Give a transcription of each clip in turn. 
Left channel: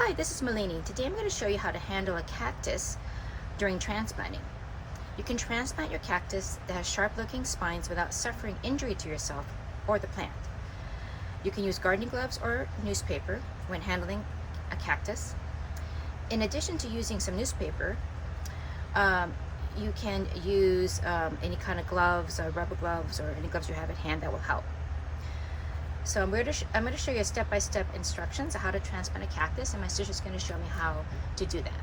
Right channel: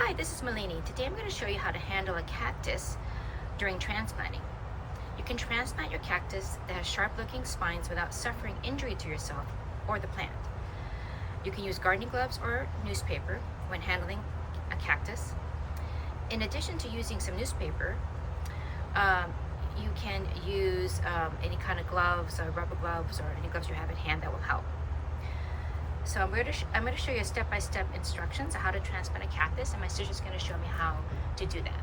Hi, this is Malini. Today I'm going to show you how to handle a cactus during transplanting. You can transplant your cactus that has sharp-looking spines without suffering injury to yourself or the plant. You can use gardening gloves or newspaper when handling a cactus. In addition to using some newspaper, you can use any kind of gloves, or rubber gloves, or any gloves you have at hand that will help. So I'm going to show you step-by-step instructions on how to transplant a cactus, and my sister's going to show me how to do that.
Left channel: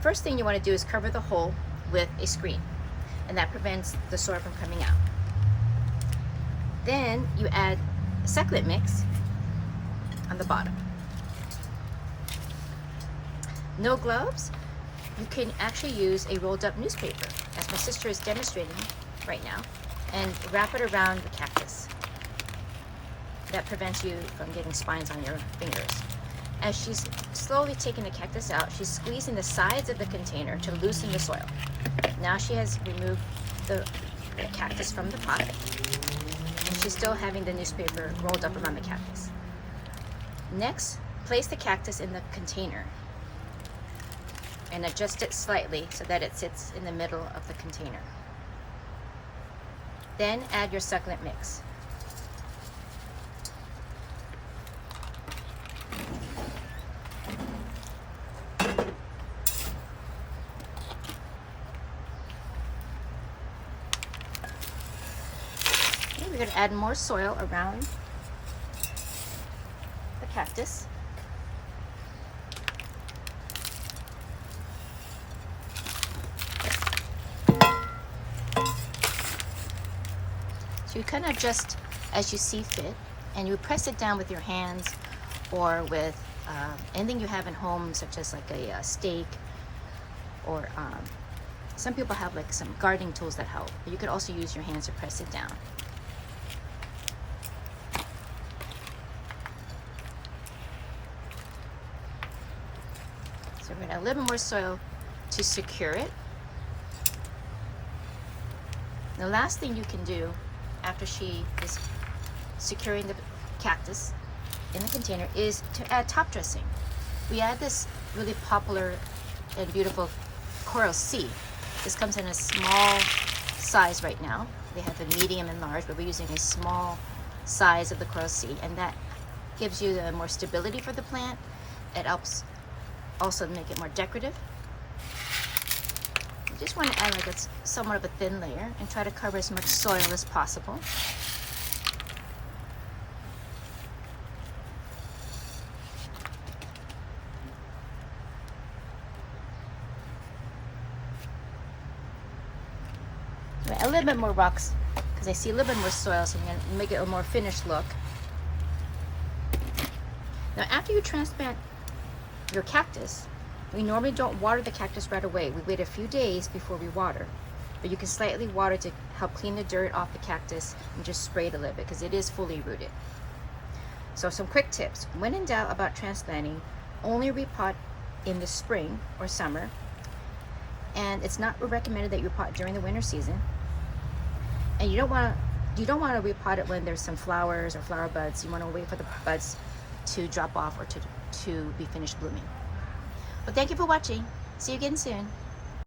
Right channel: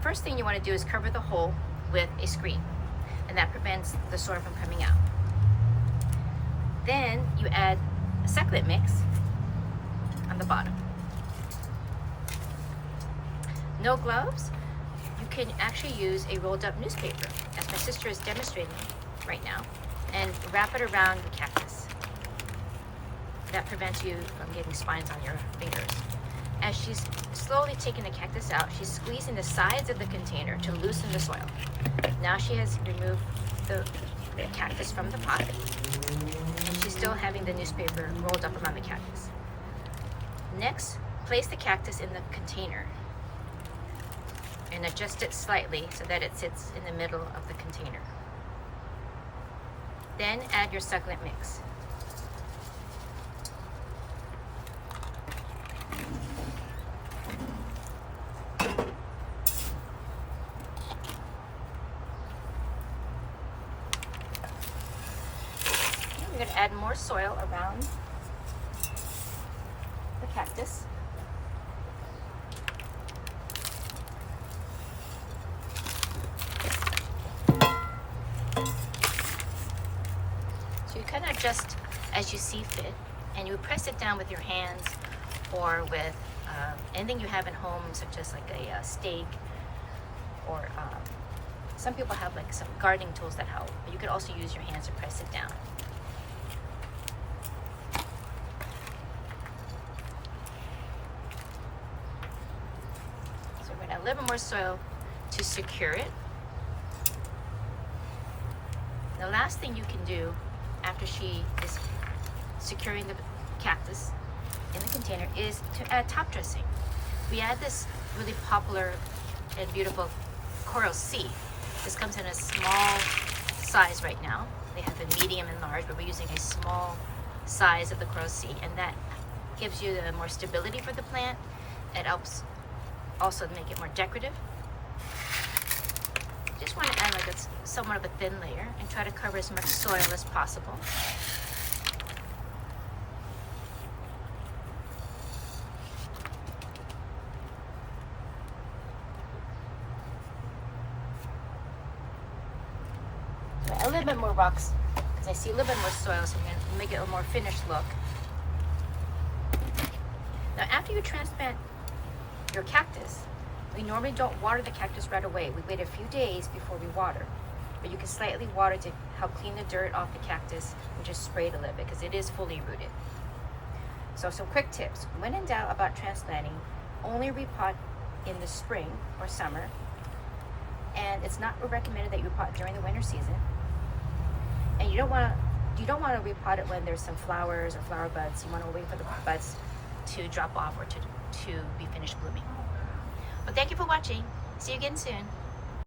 First thing you want to do is cover the hole with a screen, and that prevents the soil from coming out. Then you add a succulent mix on the bottom. No gloves, you can actually use a rolled up newspaper, as my sister is demonstrating right now, and wrap it around the cactus. That prevents you from getting spines on your fingers. As she's slowly taking the cactus out, she's squeezing the sides of the container to loosen the soil. Now she has removed the cactus from the pot, and she's still having the newspaper rolled up around the cactus. Next, place the cactus in the container and adjust it slightly so that it sits in the middle of the container. Then add your succulent mix. We're going to add more soil around the cactus. So you kind of adjust as you see fit, and you press it down with your hands or with anything you have at home, such as like a stake, or some people have like some gardening tools that help, but you could also use your hands to press it down. So we're going to add a little more soil to secure it. The last thing you can do after she is securing the cactus in the container is to add top dressing. We add this really popular and beautiful coral sea. This comes in a small size right now. They have the medium and large, but we're using a small size of the coral sea, and that gives you the more stability for the plant. It helps also make it more decorative. You just want to add like it's somewhat of a thin layer and try to cover as much soil as possible. A little bit more rocks because I see a little bit more soil, so I'm going to make it a more finished look. Now after you transplant your cactus, we normally don't water the cactus right away. We wait a few days before we water, but you can slightly water to help clean the dirt off the cactus and just spray it a little bit because it is fully rooted. So some quick tips. When in doubt about transplanting, only repot in the spring or summer, and it's not recommended that you repot during the winter season. And you don't want to repot it when there's some flowers or flower buds. You want to wait for the buds to drop off or to be finished blooming. Well, thank you for watching. See you again soon.